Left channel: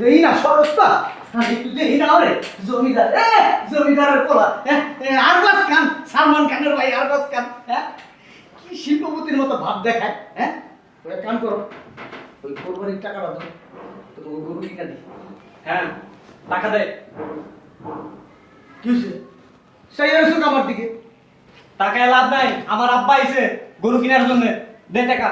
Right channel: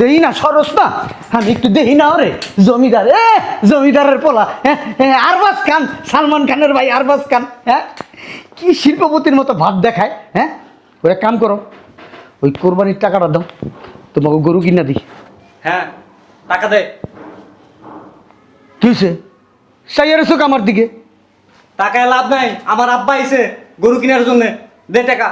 দেই না সরস না, আমি একটু দেই না রে। জমিদার জমিদারের পোলা, আরবাজ খান, সালমান খানের ভাই আরবাজ খান। কি শিল্পপতির মতো ভাব দেখায়। ওই এক কাম করো, ওই কোরবানির টাকাটা দাও, তোমাকে গরু কিনা দিই। হ্যাঁ, টাকা দে। কি হয়েছে? সাইয়ার চোখ আমার দিকে। টাকায় লাভ নাই, আমার আব্বা আইছে গরু কেনার জন্য, দে টাকা।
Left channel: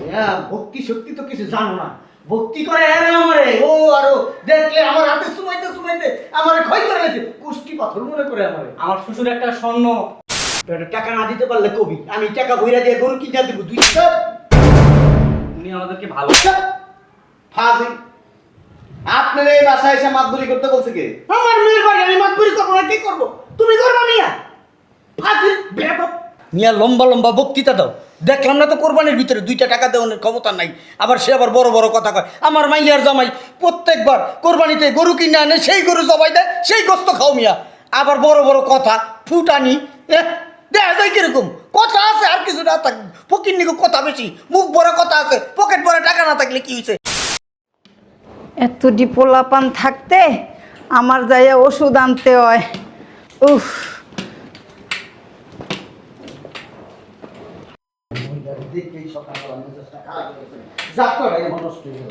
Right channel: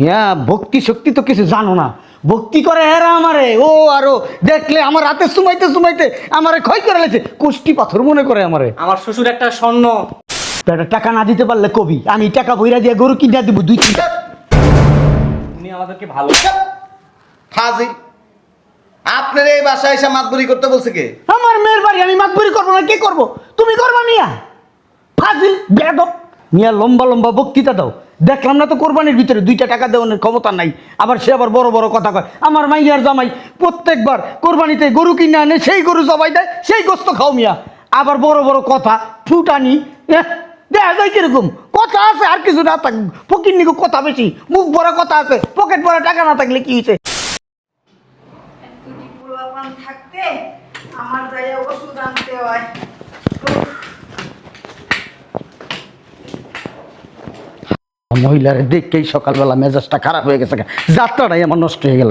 হ্যাঁ, ভক্তি শক্তি তো কিছু জানো না। ভক্তি করে এরা আমারে, ও আরো দেখলে আমার হাতে সুমাইতে সুমাইতে আমারে ক্ষয় করে লেছে, কুষ্টি পাথর মনে করে আমারে। আমার শ্বশুর একটা স্বর্ণ। বেটা টাকা না দিতে পারলে কবি, আমি টাকা বইরা দিয়ে গরু কিনা দিব 2 কিলো। তুমি আমাদেরকে ভালো ফাজি, আপনার এই বাসায় এসে মাতবরি করতে বলছে কে? আমার মেয়ের বাড়ি, আমি মাতবুরি করবো না, কি করবো? তুমি করবা মিয়া? ফাজিল বেয়াদব মিয়া, লম্বা লম্বা বক্তৃতা দাও। দেখলাম না তো কোরবানির ভিতরে 2টা টাকা দেওয়ার ক্ষমতা নাই, আবার সে আবার বড় বড় কথা কয়। আমার মাইয়ার জামাই প্রত্যেকবার কোরবানিতে গরু কিনে আনে, সেই গরু জবাই দেয়, সেই গোস্ত খাও মিয়া। আবার বড় বড় কথা, ফুটানি, দেখা যায় কিরকম কথা আছে। আর কিছু না থাক, ফকির নিকো কথা বেশি, মুখ বড় কথা আছে, পকেট বড় টাকা না থাকলে কি হয়েছে? এত ডিপোলাপান থাকতে আমার যাইয়া ওষুধ আনতে হয়। উফ, মহিলারে দেখেই সকালবেলা মেজাজটা খারাপ হয়ে গেছে, যাত্রাটাই আমার নষ্ট হয়ে গেল।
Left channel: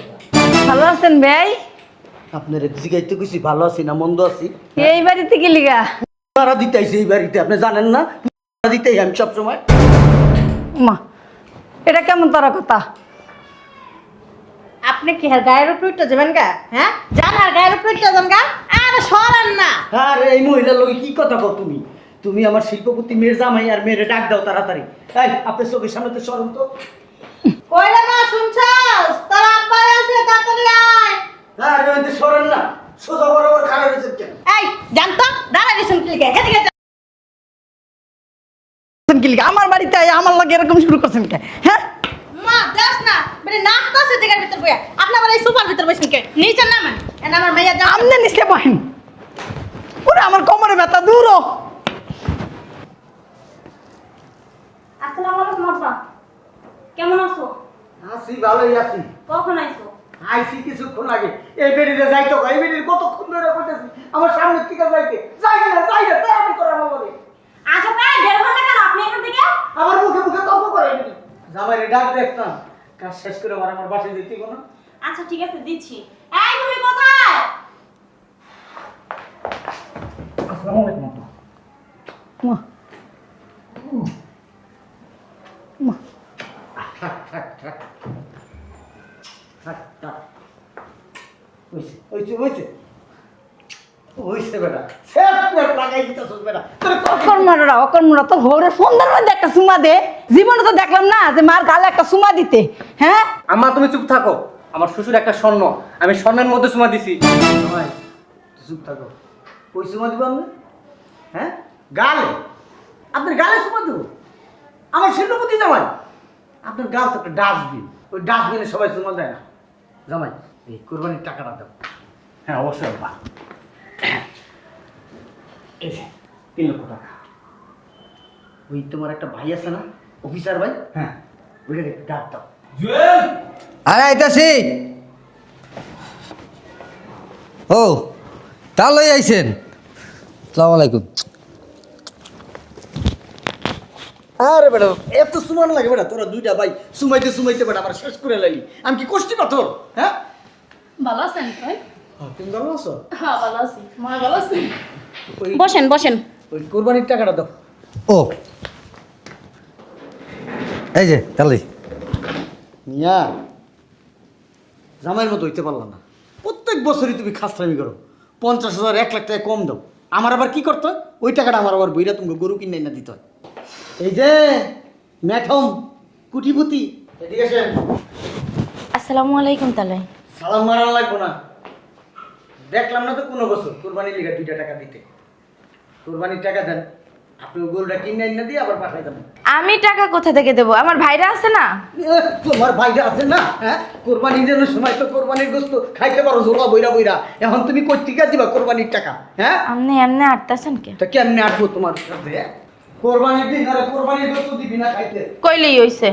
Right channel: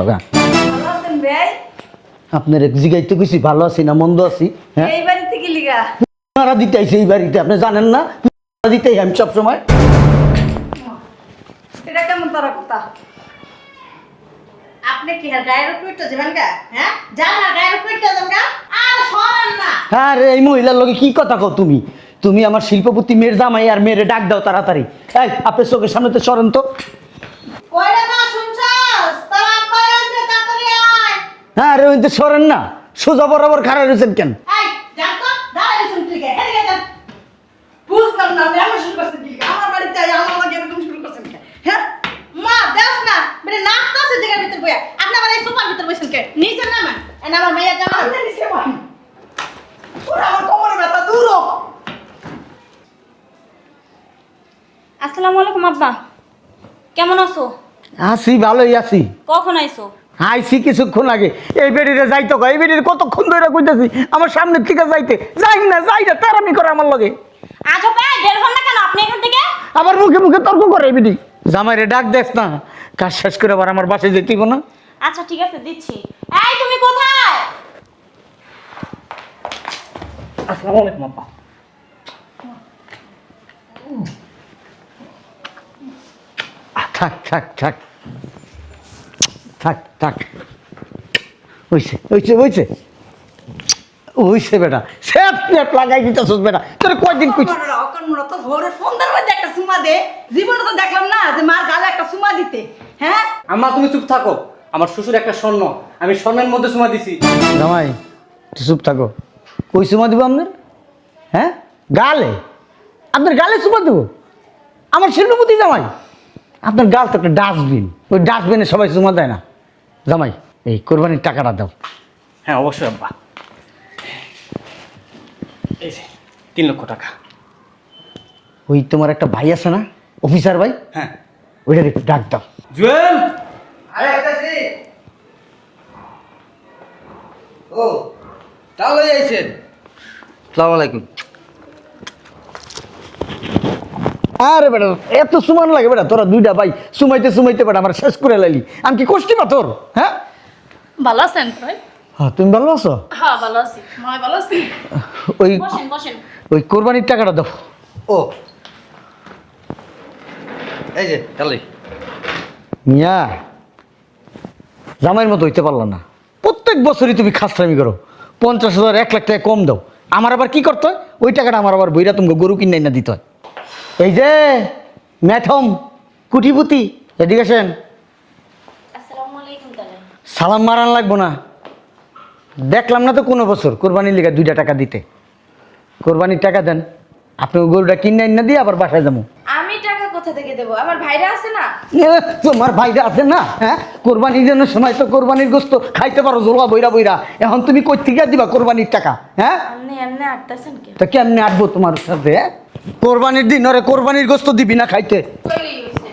ভালো আছেন ভাই? আপনার জিগাইতে কইছি ভালো আছি না মন্দ আছি? এই বাড়িতে কি লিগা? তারা দিতে আইছে এই বাড়িতে, আপনি জানেন না? দিতে আমি সবসময়। মা, এটা কেমন তোর কথা? আপনি কি হ্যাঁ গায়ের উপর উঠতে যাবেন গা? হ্যাঁ যান না, গায়ের উপর উঠতে যান গা। আর সরান না। আরে এই মহিলার লগে কি কথা কও তুমি? তুমি আমার শিল্পপতি মেয়ের জামাই, আর মেয়েরে ডাক দাও তাড়াতাড়ি। এই আপনি চোখের সামনে তো সরেন তো। কইরা না শুনছস? তোর আব্বা আছে, তাড়াতাড়ি আয়। হ্যাঁ আরে ওই তো সরেন না, সোজা বরাবর খাড়া রয়েছেন কেন? এই জান তো, দাঁড়া গেছেন কি কে? এদিকে যান। বুঝলাম না, আমি আমার শুরু করছি। কি লিগা আমার বাড়িতে আইয়া আমার লগে এরকম শুরু করছেন কে? হ্যাঁ, মা দেখ না, মানে নাস্তা আছে জায়গার ভিতর বইয়া। আপনি আমার এই সোফার ভিতর বসেন কে? নিচে নামান। এনা আমার মাইয়া যাও। আমনে নিচে বহেন। ওরে আমার কোমরে ব্যথা দূর হ। আসসালামু আলাইকুম আব্বা, কেমন আছো? আছি, ভালোই আছি। কখন আইছো? আইছি কিছুক্ষণ আগে। এই বেড়িতে যাইতো, এই বেড়ির কতক্ষণ ধরে কইতেছি আমার সামনের থেকে যাইতে, যাই না তারামি করে আমার লগে। আজও ভাই বের হন না কেন আপনি এখান থেকে? আবার মুখে মুখে তর্ক করে বিডি। জামাইরে ডাক দেখ না, কাজ শেষ করে আবার আমার বাসায় যেতে দিব না? আচ্ছা ঠিক আছে দিচ্ছি। এই তুমি কোথায়? আসসালামু আলাইকুম আব্বা। থাক থাক থাক থাক থাক, হইছে হইছে হইছে হইছে বেটা, সেফ প্লেট লাগাই দিতেছস বেটা। তোর কয়দিন অকর্মরা তো ঘরে ফোনদের মধ্যে একটা সুমা দে। জীবনে তো দেখলাম না যে মার গালে একটা সুমা দিতে। হ্যাঁ, আম্মা তুমি চুপ থাকো, আমার শ্বশুর একটা স্বর্ণ, আমি স্বর্ণের মধ্যে চুমা দিছি। জামাই তুই চুপ থাকো। কই চুমা দিব আপনার? হ্যাঁ, গালে? আপনার গালে চুমা দেবো? আমার শিল্পপতি জামাই? আপনার গাল তো একটা ডাস্টবিন, ওই ডাস্টবিনে সবাই চুমা দেয় না। জামাই এই কোরবানির টাকাটা দাও। হ্যাঁ অবশ্যই আব্বা, এই যে 3 লক্ষ টাকা। ওই তোমার একটা ভাই আছে না, অফিসার ভাই? হ্যাঁ। ওইটার একটু ডাক দাও। জুয়েল, আরে আইতাছি। ও তাহলে আইছেন? আসসালামু আলাইকুম। আরে বেটা এত সুমান লাগে বেটা, তোরা 2টা ভাই সুমাইতে সুমাইতে বেটা আমার শেষ করে লাইলি। আমি কি কষ্টি পাথর? হ্যাঁ ভালো আছেন ভাই? হ্যাঁ, তুমি ভালো আছো? হ্যাঁ ভালো আছি। মা ভালো আছি? ওই বসেন বসেন। ওই কোরবানির টাকাটা দাও। ও এই যে তাহলে মিয়া জামাইয়ের মতো হইতে পারলাম না। প্রত্যেক বছরই তুমি খাসরামি করো, 50,000 1 লাখ টাকা কম দাও। আমার আবার কি করতে হয়? ওই টাকাটা আমার আবার বইরা তুমি গরু কিনে না দিতে হয়। এই যে ম্যাথম কুটিপুতি, এদিকে আসেন। আসসালামু আলাইকুম তাহলে। সালাম মারান লাগবো না। দেখলাম না তো কোনো বছর কোরবানির লিগে 2টা টাকা দিতে। কোরবানির টাকা দেন, আপনি গরুটা কিনে না দিয়ে আবার বাসায় যাবো। আমি টাকা কোথা থেকে দেবো? আমার ভাইরা আছে না? তোমার ভাইরা আছে না? হ্যাঁ, কোরবানির জন্য সময় তো কোরবানির গোস্ত খাইতে পারো জোড়া বইরা বইরা। এখন তুমি কই থেকে দিবা কোরবানির টাকা? হ্যাঁ, আপনি এমনি আটতাছেন কে? তা কেমনে আসবো তোমার সাথে? কোরবানির দিন ওরা কোরবানির গোস্ত দিবি না খাইতে? কইলেই হইছে।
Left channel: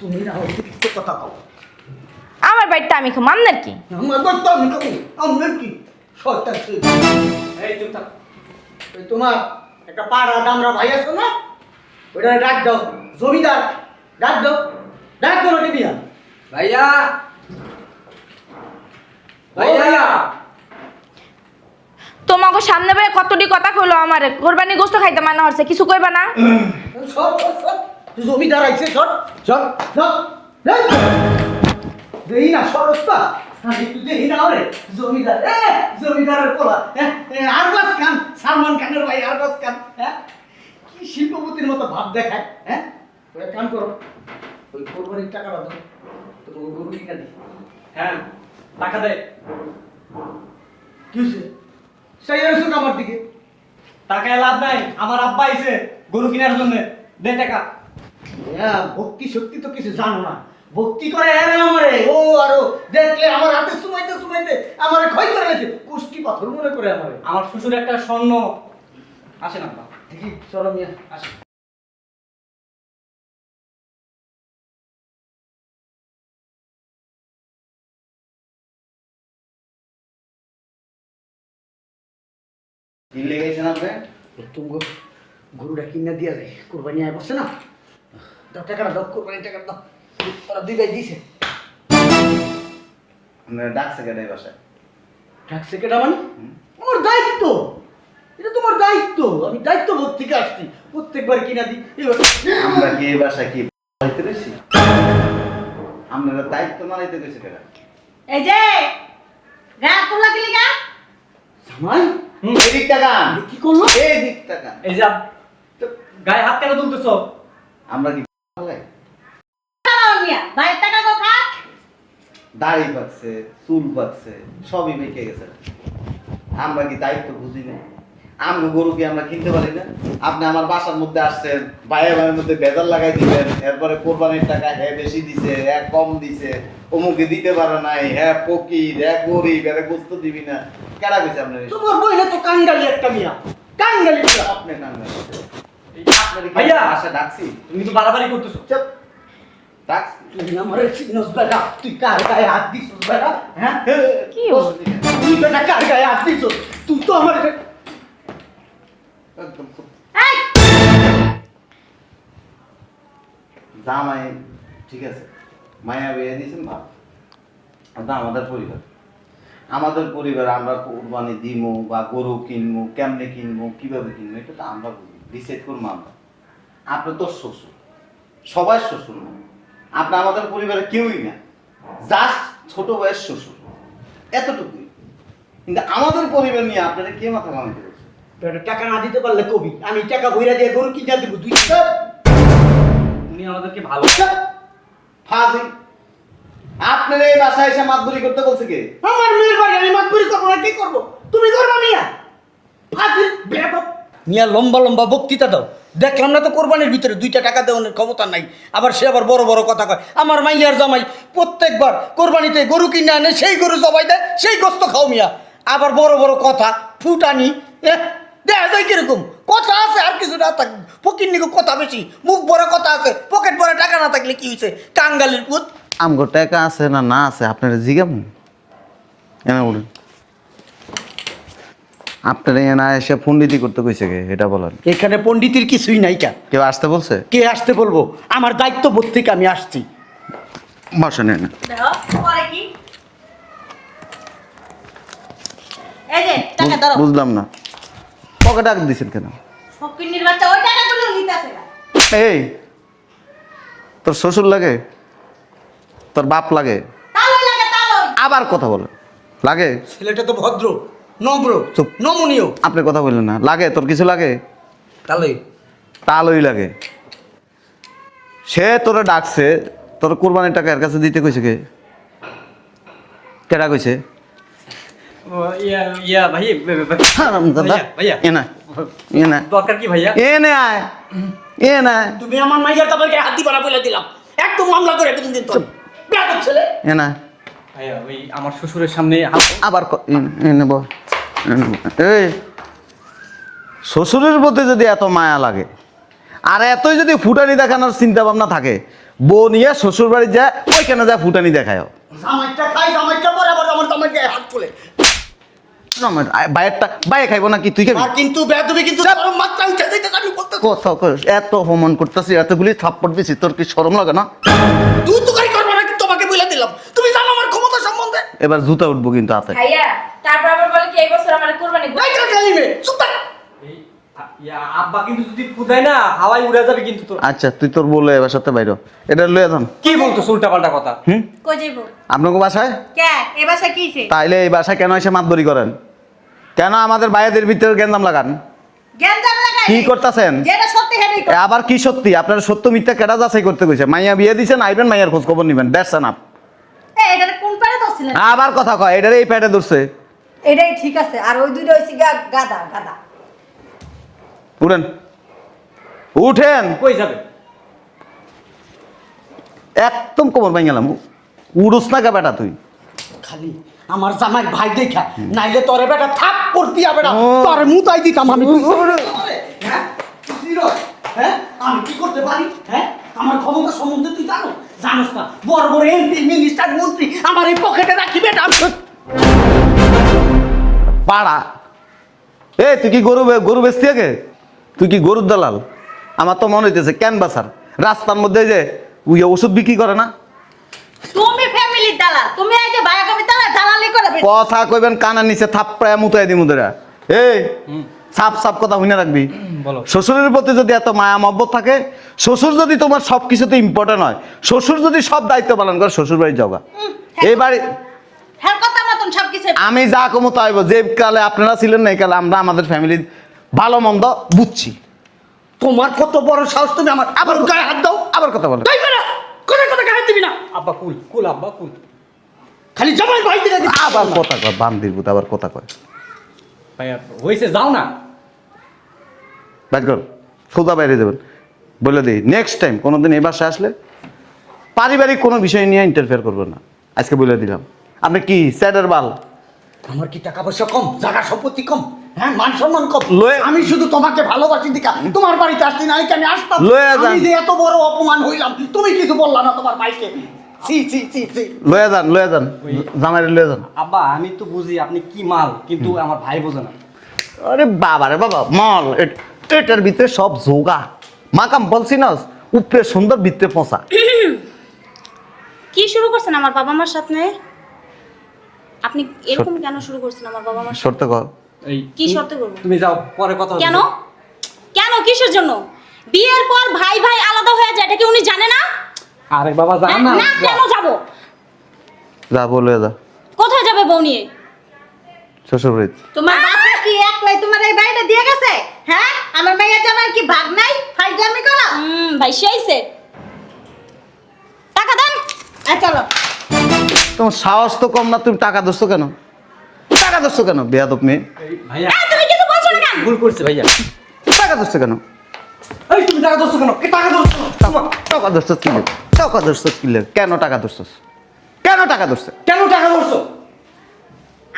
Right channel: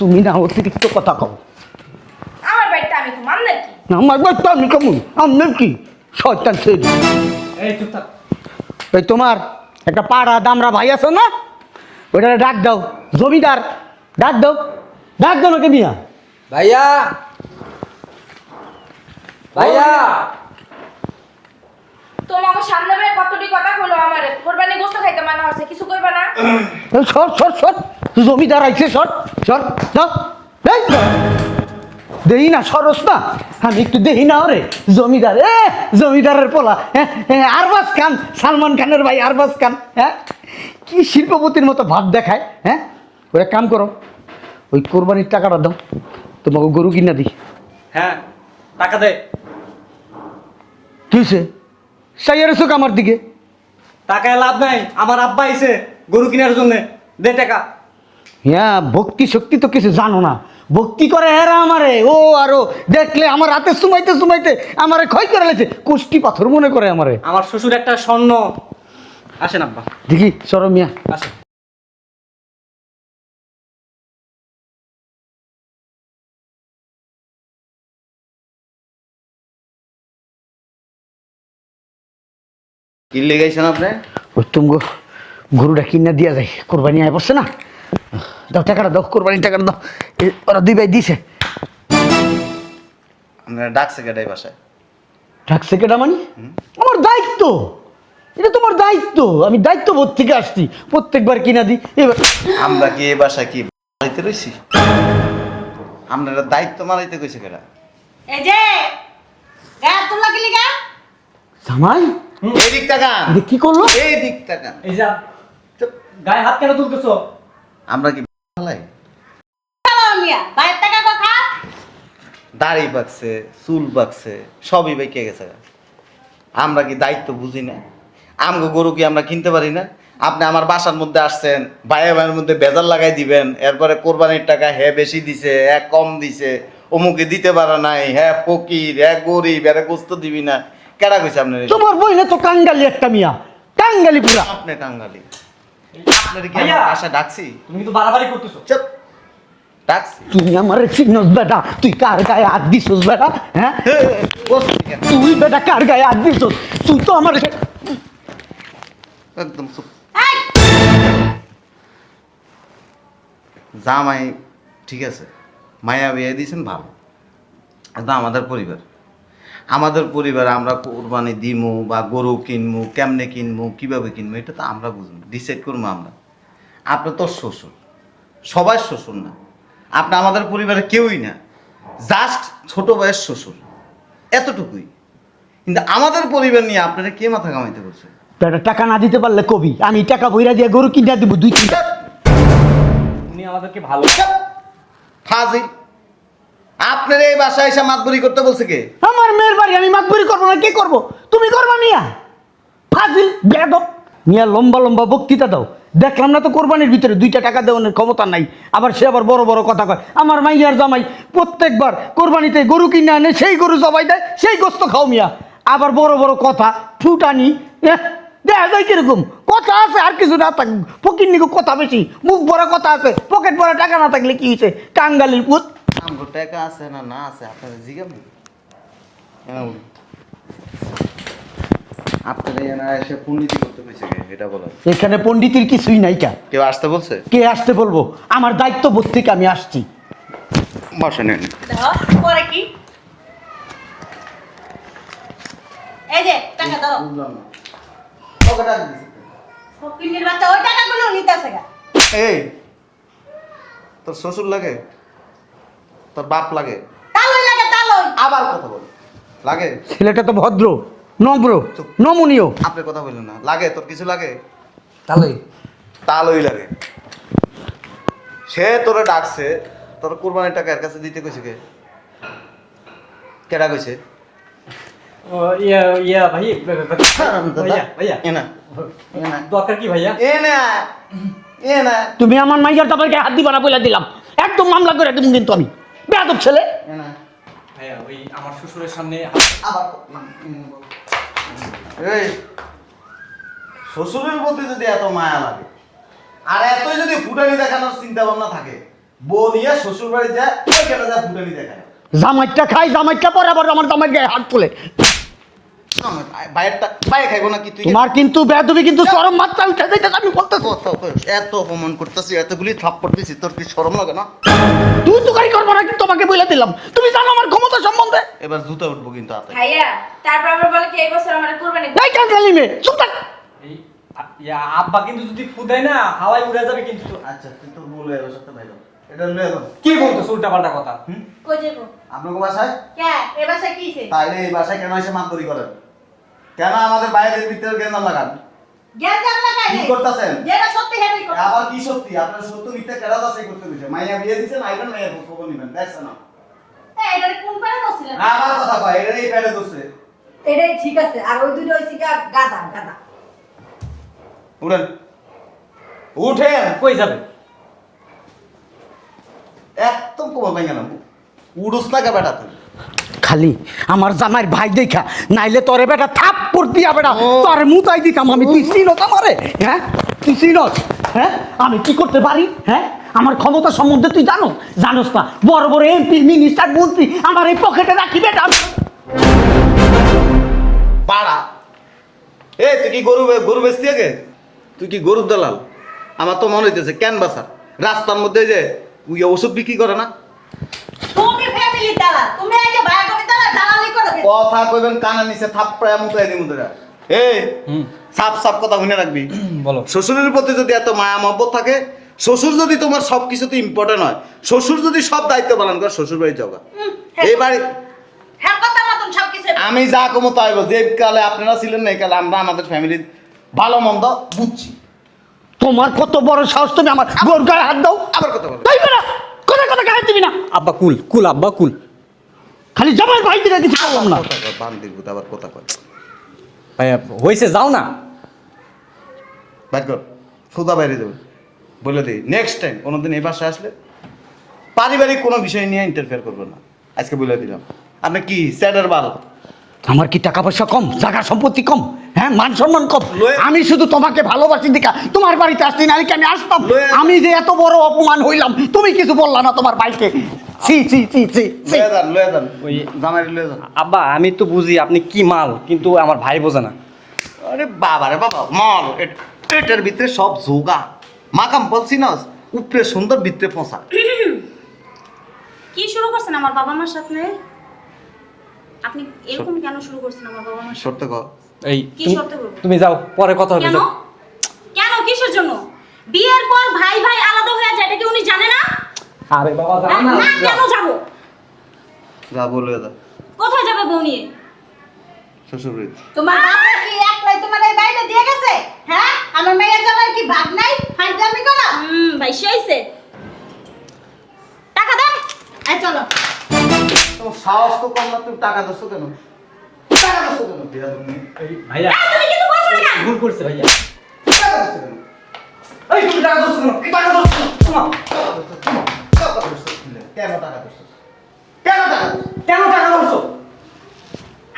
তুমি না অতিরিক্ত কথা কও। আমার বাইরটা আমি খাম আপনার কি? আমার তো আমি কেমন আপনার কি শয়তান ছেলে। এই চুপ থাক। এই তোমার একটা পাড়া দামরা ভাই আছে না, ওইটা ডাক দাও, জমিদার ডাক দাও, ডাক দাও ওকে মিয়া। ভাইয়া ভাইয়া তোমাকে সামনে বেড়ে কতটি কথা কইলো আমার কোরবানি গোস্ত খাইতে মানা হচ্ছে, কিছু কইবা না? সর সর সর, জমিদার আইছে, সর সর সর। দেই না সরস না, আমি একটু দেই না ওরে জমিদার, জমিদারের পোলা, আরবাজ খান, সালমান খানের ভাই আরবাজ খান। হ্যাঁ, কি শিল্পপতির মতো ভাব দেখায়। হ্যাঁ, ওরা কাম করো, ওই কোরবানির টাকাটা দাও, তোমাকে গরু কিনা দিই। হ্যাঁ, টাকা দে। কি হয়েছে সাইয়ার চোখ আমার দিকে? টাকায় লাভ নাই, আমার আব্বা আইছে গরু কেনার জন্য, দে টাকা। হ্যাঁ, ভক্তি শক্তি তো কিছু জানো না, ভক্তি করে এরা আমারে, ও আরো দেখলে আমার হাতে সুমাইতে সুমাইতে আমারে ক্ষয় করে লেছে, কুষ্টি পাথর মনে করে আমারে। আমার শ্বশুর একটা স্বর্ণ। আসেন আব্বা, দেখি সরো মিয়া। আসেন। কি লেগাইছেন আপনি? ওই তুমি গরুটা কিনা দিয়া যায়, কোরবানি আয় পড়ছে না, দাও টাকাটা দাও, কোরবানির টাকাটা দাও। ওরা দুই ভাই দিছে। আপনারা ডাকছে কেটাই বাসায়? ডাকছে কেটা মানে? আমার দায়িত্ব, এটা তোমার দায়িত্ব, আমি দায়িত্ববোধ থেকে আসছি, প্রত্যেকবার কিনা দিই। এবার আমরা কি এই বাসায় কি মারাইতে রয়েছি? আপনারা দায়িত্ব মারাইতে কইছে কেটা? এই যে গা তোলা গিলি গা জামাই এই দিকটা গান, এটা কি করলো? এই দিকটা গান। এই যে গায়ে হাত কেন তুলতেছো? আমরা কি ফালাই? মিয়া ভাইয়ের টাকা কথা দাড়ি পাকছে, চুল পাকছে, সবই বেঁকে গেছে। আমরা কি দায়িত্ব বুঝি না? আমগো গরু কি আমরা কিনতে পারি না? আপনি আমার বাসার মধ্যে আসছেন, ভাইয়ের ভাইয়ের মধ্যে বেজার লাগাই দিবেন, এরপরে কোরবানির টাকা হ্যাঁ বেশি দিছে, হ্যাঁ কম দিছে, অমুকে দিতে পারে নাই, হ্যাঁ ফকির, হ্যাঁ গরিব, এরা গোস্ত দিবি না। কেডা কইছে আপনার? তোমার বই না তো কাঙ্গালি একটা মিয়া, কাঙ্গালি পুরা। আপনি কাঙ্গাল। আপনার কি ভাইয়া! আমার বাসা ডাকছি? তুমি কিন্তু বাড়াবাড়ি করতেছো। চুপ। ডাকছি। তুই আমারে চিনস বেটা, তুই কার গায়ে হাত দিছস বেটা? হ্যাঁ, তুই বেটা কার গায়ে হাত দিছস? তুই তো আমার একদম চুপ। এই জামাই ঠিক আছে, মায়া বিয়ে দিয়েছেন ভালো, এটা আমাদের পরিবার। আমাদের পরিবারে আমরা কোরবানি দিমু বা গরু কিনবো, কেমনে কিনবো, কিভাবে কিনবো, এটা তো আমরা বুঝবো, ডিসাইড করবো আমরা। আপনি তো শ্বশুর, সবাই শ্বশুর না, আপনি আমাদের পরিবারে কেউই না, জাস্ট ছোট বয়স শ্বশুর, এতটুকুই। কিন্তু আমাদের পরিবার নিয়ে আপনারা কে মাথা কামাইতে করছে? বেটা টাকা না দিতে পারলে কবি, আমি টাকা বইরা দিয়ে গরু কিনা দিব 2 কিলো। তুমি আমাদেরকে ভালো। ফাজিল! আপনার এই বাসায় এসে মাতবরি করতে বলছে কে? আমার মেয়ের বাড়ি, আমি মাতবুরি করবো না, কি করবো? তুমি করবা মিয়া, ফাজিল বেয়াদব মিয়া। লম্বা লম্বা বক্তৃতা দাও, দেখলাম না তো কোরবানির ভিতরে 2টা টাকা দেওয়ার ক্ষমতা নাই, আবার সে আবার বড় বড় কথা কয়। আমার মাইয়ার জামাই প্রত্যেকবার কোরবানিতে গরু কিনে আনে, সেই গরু জবাই দেয়, সেই গোস্ত খাও মিয়া, আবার বড় বড় কথা ফুটানি। দেখা যায় কিরকম কথা আছে, আর কিছু না থাক, ফকির নিকো কথা বেশি, মুখ ভরা কথা আছে, পকেট ভরা টাকা না থাকলে কি হয়েছে? কাঙ্গালির পুত। আমগো টাকা আছে না না আছে আপনারা জিগাম এনে বলুন। আপনারা এনে এসে পণ্ডিতি করতে কইছে কে এটা বলেন? এখানে পণ্ডিতের কিছুই নাই। কেউ আসতে বলছে? কে আসতে বলবো? আমার দায়িত্ব বোধ থেকে আমি আসছি। বসেন। দেখো পরে কি এই যে টাকা ধরো বুঝলাম না, পকেট টাকা দিছেন কেন? ফকিন্নির বাচ্চা ওই টাকাগুলো নিতে আসে গা। এই তোর শ্বশুর লাগে, তোর বাপ লাগে, তালই লাগে তালই। আবার কথা বলে লাগে? ছেলেটা তো ভদ্র, নম্র, চুপ, নমনীয়। আপনি কথা বললেন না, লাগে তোর কিছু লাগে? তাহলে তালই লাগে। সে তোরা ডাকছে, তোর কোরবানির টাকা এর কাছে দিতে কইছে কে? কেডা কইছে? ও, ইয়া ভাই, ভাইয়া ভাইয়া এনা এনা দরকার কি ভাইয়া? এনা এনা তুমি আমার মাইয়ার দাবাকে হাত দিবা না বলে দিলাম, একদম মামলা করে তুমি কিন্তু আমি বেয়াদব ছেলে। এনা ভাইয়া ওই আমার শ্বশুরের সামনে আবার এনে বল। এই শ্বশুরের প্রতি যদি এত মায়া লাগে আর এতই যদি ফুটানি দেখানোর চিন্তা ভাবনা থাকে, বউ নিয়ে শ্বশুর বাড়ি যায় ওইখানে যা ফুটানি দেখায় জামাইটা খাই, জামাইটা পরে আবার আমার জামাই গায়ে হাত তুলে। বাইরেরটা বাইরে খাইবো নাকি তুই তোমার কিন্তু বেয়াদবি কিন্তু চরম মাত্রা উঠে যাইতেছে, আমি বলতেছি। এত অপমান করতেছি, এতগুলি থাপ্পড় দিছি, তোর কি শরম লাগে না? তুই তো গাড়ি করবো না, কিন্তু তোমাকে বলে দিলাম। তুমি জানো আমার ক্ষমতা সম্বন্ধে। এবার জুতা উঠবো কিন্তু হাতে। ভাইয়া তারপর আবার বলে কি এই বছর আমার কোরবানি দেব। এই কালি মে চুপ থাক। আব্বা কিন্তু যদি পুদাই না হাওয়ায় উড়ে যাবে কিন্তু তো। আচ্ছা তুই তোর বলে এবার সাথে বাইর হ। এটা লয়ে যান। কি বলতো উল্টা পাল্টা কথা? কই যাইবো? আপনাকে বাসায় কে এ বাসা কিছে? তাইলে এই বাসায় কেন এসে মাতবরি করেন? কেন আমাদের ভাইদের ভিতরে গেন্দাম লাগান? জ্ঞান লাগাই। কি করতেছেন? যেটা সত্যি হেডই কর। আবার কি সত্যি? আপনার সত্য মিথ্যা কেটা যাচাই করতে কইছে? মাইয়া বিয়ে দিছেন, আইবেন মাইয়ার খোঁজ খবর নিবেন। That's enough. এটা কোন পারে দছিলেন? আবার কথা কয়, এটারে এই পেটে ধরছে। এটাই ঠিক আছে, আর ওই দুইটা হইছে গাদা গাদা। উঠেন, উঠেন। কই যাবে? একদম কোমর ভাঙ গেলাম। উড়ুস না কে বেটা তুই? খালি আমার জামাইর ভাই দেখা, নাইলে তোরে বেটা থাপ্পড় দিয়া বেটা তোরে মুতাই দিতাম আমি। তুই চিনস আমারে? হ্যাঁ তুই চিনস? হ্যাঁ আমি কি করতে পারি? হ্যাঁ আমার ক্ষমতা সম্বন্ধে তুই জানো? জানোস না? বড় বড় এমপি মিনিস্টার মন্ত্রী আমার এই পকেটে রাখি বেটা। পাড়া এ তুই কি গরু বেচতি আগে? তুই কি গরুর দালাল? আমার তো মনে হইতেছে ক্যানভাসার রাস্তার মধ্যে যে ওই ওষুধ বিক্রি করে না। তুমি ফ্যামিলির দালাল। তুমি এই যে ভাই কবি দালালি করবে। কথা কইবেন কানের নিচে থাপ্পড়ায় মুতাই দিমু তোরা। এই সাপ সাপ কথা মনে রাখবি। বলো। শ্বশুরের প্রতি যদি এত মায়া মহব্বত থাকে, শ্বশুর যদি তোমার সব কিছুতে ইম্পর্টেন্ট হয়, শ্বশুর যদি সব দায়িত্ব পালন করে, শ্বশুর বাড়ি যাওগা। এই বাড়ি হ্যাঁ কথা মতন সবকিছু। আমি যা কমো তাইব। যে কালে আপনারা ছিলেন না, এই কালে আমরা আমাদের ফ্যামিলির ভালো মন্দ বুঝছি। তোমার কত বড় সাহস, তুমি আমার বোর গায়ে হাত দাও। আবার কথা বলে এই বেটা কোনে কোনে গায়ে দিবি না। আব্বা কুল কুল আব্বা কুল। খালি জামাই ভাই দিকে কিছু আবার বললাম না। কথা কয় বান্দির ভূত আবার কথা কয়। ভাইয়া হইছে যাও না। বাইর কর, সোজা বাইরে যাবেন। বলে দিই নেক্সট টাইম কোনোদিন এই বাসায় আসলে পারিবারিক কোনো বিষয় নিয়ে ইন্টারফেয়ার করবেন না। আজকে বলে দিলাম। আপনি কি স্যারের বাল? আমার কি টাকা পয়সা কম, জায়গা সম্পত্তি কম, হ্যাঁ মান সম্মান কম? আমি শুধু তোমাকে ভালোবাসি দেখা তোমার বাড়িতে আসছি, না আমি আসতাম? লয়ে যান। আমি যে এত বড় অপমান হইলাম, তুমি কিছু বললা না তোমার ভাইকে? ছি ছি ছি ছি। লয়ে যান জামাইরে লয়ে যান। আব্বা আমি তো বুঝি আপনি কি মাল, কিন্তু আমার ভাই বোঝে না। আরে বাবা রে বাবা, মল এটার ভিতরে সব যোগা মাকাম বলছি না, উপরে সুন্দর ভিতরে পচা। কি শুরু করছেন আমার বাবা মার সাথে? আপনি এরকম কেন শুরু করছেন আমার বাবা মার? শর্ত কর। এই কি শর্ত করব? তুমি যাও, পরে কথা হবে। কেন? যাও। কেন কিসের জন্য? বিয়ের পর ভাই ভাই আলাদা হয়ে যায়, এটা কি উনি জানে না? আরে বাবা যাও হ্যাঁ, না। না কেন যাব? যা বলে যা কোথায় যাবে বউ নিয়ে? শ্বশুর বাড়ি। তোমার বাবা কি একলাই তোমার এই বাড়িটা দিয়ে গেছে? হ্যাঁ আমার মেয়ের জামাই কি ভাগ নাই? ফাইজলামি করা? ভাই হইছে। টাকা দেন। চলো। তোমার সাহস তো কম না, তুমি টাকা দোস্ত কেন? টাকা দোস্ত কেন বেয়াদব মেয়ে? এই ভাইয়া তুমি কিছু বলছো না কেন? ভুল করছে ভাইয়া। টাকা দোস্ত কেন? এই তুমি টাকা দোস্ত কেন? কি টাকা দোস্ত? টাকা দোস্ত কি লে? টাকা দোস্ত কি লে? কেন টাকা দোস্ত? কেন টাকা দোস্ত? কেন টাকা দোস্ত?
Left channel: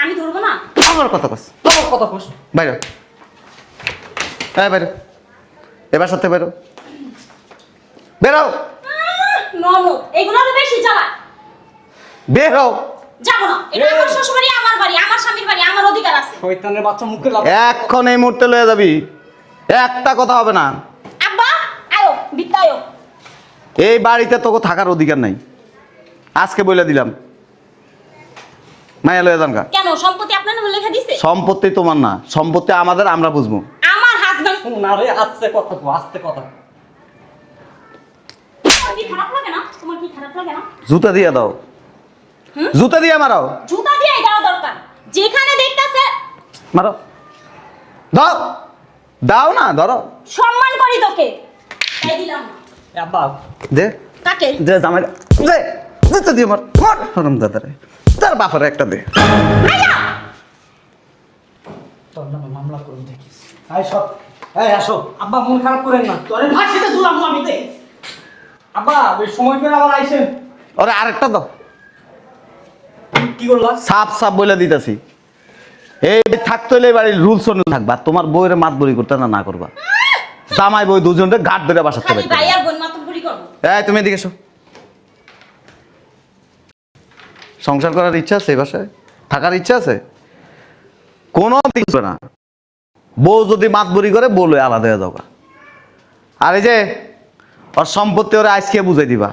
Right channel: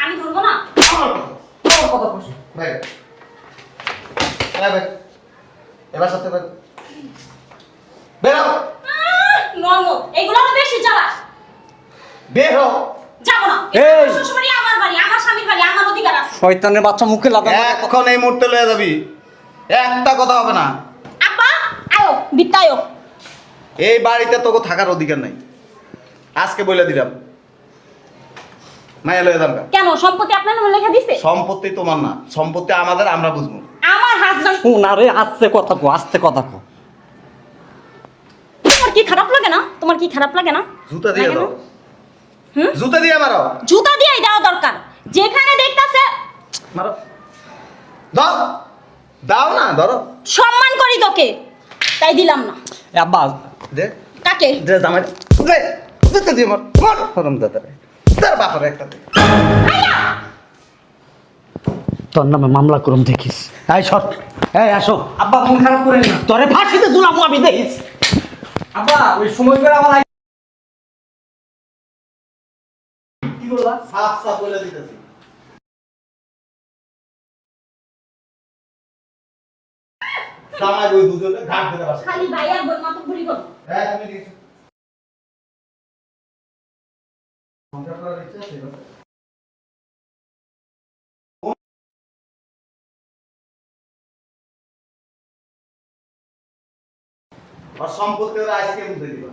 আমি ধরবো না। আমার কথা কস। তোমার কথা কস। বাইরে। হ্যাঁ বাইরে। এবার সাথে বেরো। বেরো। ননো এগুলো তো বেশি যাবা। বেরো। যাবো না। এই। এটা আমার শ্বশুরবাড়ি, আমার বাড়ি, আমার স্বামীর বাড়ি, আমার অধিকার আছে। শয়তানের বাচ্চা মুখে লাভ। এখন এই মুহূর্তে লয়ে যাবি। একটা কথা হবে না। আব্বা আয়ো বিত্তায়ো। এই বাড়িতে তোকে থাকার অধিকার নাই। আজকে বলে দিলাম। মায়া লয়ে যান গা। কেন সম্পত্তি আপনার নামে লেখা দিছে? সম্পত্তি তোমার না, সম্পত্তি আমাদের, আমরা বুঝবো। আমার হাজবেন্ড। না রে, আস্তে কথা কো, আস্তে কথা কো। তোমার কি খারাপ লাগে না? তোমার কি খারাপ লাগে না? জুতা দিয়ে দাও। জুতা দিয়ে মারো। জুতা দিয়ে দেওয়া দরকার। যেখানে দেখতাছে মারো। দাও। দাও না, ধরো। সম্মান করি তোকে, তাই দিলাম না। এ আব্বা দে। কাকে? দে জামাই। দে। জুতা দিয়ে মার। মার হরম দাদারে। তার বাপারে একটা দে। তোর নামে মামলা করুম দেখিস। এই সর, এই আসো। আব্বা মন খারাপ করেন না। তোরে ফাঁসিতে ঝুলাম আমি দেখিস। আব্বা ওই সময় করে আবার আইছেন। ওরে আরেকটা দাও। কি করলা? সাপ সাপ বলে দিতেছি, এই থাকতে হলে বাড়ির রুলস অনুযায়ী থাকবা। তোমার বউয়ের মাত বলি করতে না করবা। জামাই বউ দুজনকে ঘাট ধরে বাসাতে খালি পারবে। ভাই আর বোন মাতুব্বরি করো। এই তুমি এদিকে এসো। সংসার করার ইচ্ছা আছে এই বাসায়? থাকার ইচ্ছা আছে? কোনো দিক না। বউ যদি মাতবরি করে বলে আলাদা হয়ে যাওয়া। আর এই যে ওর সম্পত্তি ওরা আজকে বুঝাই দিবা,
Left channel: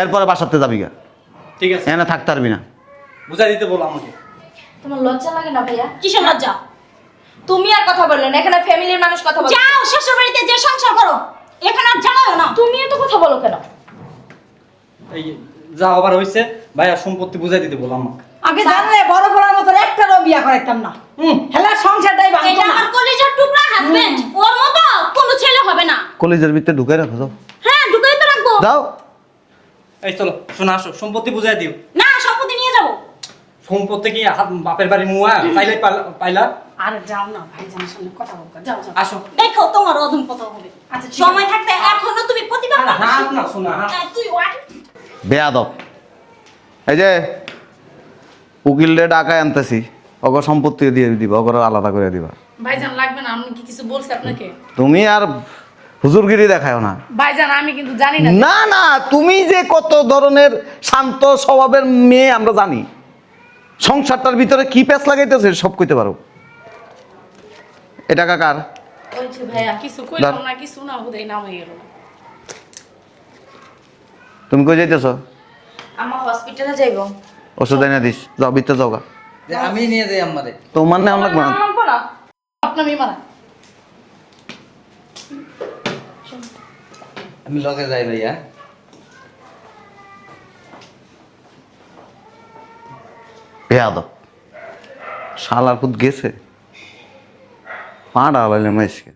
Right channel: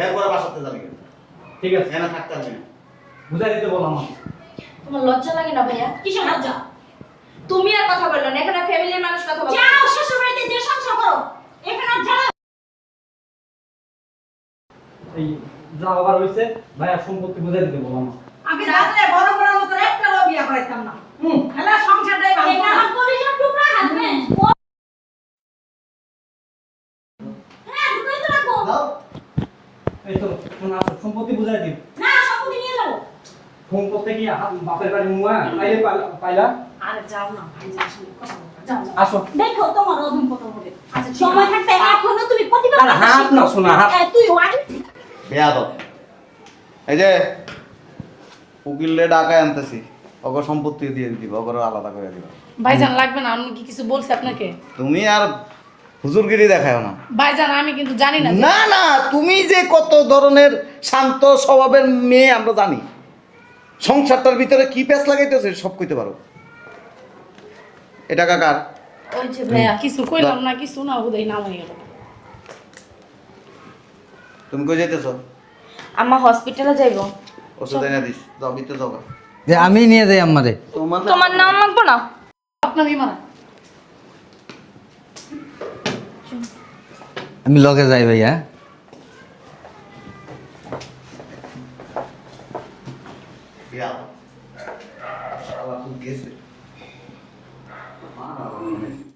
এরপরে বাসাতে যাবি গা, ঠিক আছে, এখানে থাকতে পারবি না। বুঝাই দিতে বললাম। তোমার লজ্জা লাগে না ভাইয়া? কিসের লজ্জা? তুমি আর কথা বললে না, এখানে ফ্যামিলির মানুষ কথা বলে। যাও শ্বশুর বাড়িতে যে সংসার করো, এখানে আর জ্বালাও না। তুমি এত কথা বলো কেন? এই যা আবার হইছে, ভাইয়া সম্পত্তি বুঝাই দিতে বললাম আমাকে। আগে জানলে বড় বড়র মতো একটারও বিয়া করাইতাম না। হেলা সংসারটাই এটা ভাঙতো না। আমার কলিজার টুকরা হাজবেন্ড, ওর মতো কোনো ছেলে হবে না। কলেজের ভিতরে ঢুকে রাখো, যাও হ্যাঁ, ঢুকাই তো রাখবো। যাও। এই চলো শোনা, আসো, সম্পত্তি বুঝাই দিও। না, সম্পত্তি নিয়ে যাবো। সম্পত্তি কি বাপের বাড়ি নুয়া চাইলে পাইলা? আরে যাও না, ভাইজানের সামনে কথা বলতে যাও যাও। আসো। দেখো তোমার অধম কত হবে। সময় থাকতে এখনো তুমি প্রতিবাদ আরে হাত না, শোনা, হাত। তুই ওয়াই বেয়াদব। এই যে উকিলরে ডাকায় আনতেছি, ওগো সম্পত্তি দিয়ে দিবা, ওগো আলাদা করে দিবা। ভাইজান লাগবে না, আমি কি কিছু বলছি আপনাকে? তুমি আর হুজুরগিরি দেখাও না। ভাইজান আমি কিন্তু জানি না না না, তুমি যে কত ধরনের শান্ত স্বভাবের মেয়ে আমরা জানি। সংসারটার ভিতরে কি প্যাঁচ লাগাইতেছে সব কইতে পারো। এটা কাকার? ওই যে ভাইয়া কিছু কইলাম না, কিছু না ওদের নাম হয়ে গেল। তুমি কই যাইতেছো? আম্মা হসপিটালে যাইবো। ওষুধ এনে দিস, যাও ভিতরে যাও গা। যে আমি নিয়ে যাই আমাদের। তোমার নাম তোমার নাম লাগবো না। আপনার মেয়ে মারা আমি লগে যাই ভাইয়া। বেয়াদব শালার পুত গেছে পা ডালাইলে মাইসকে।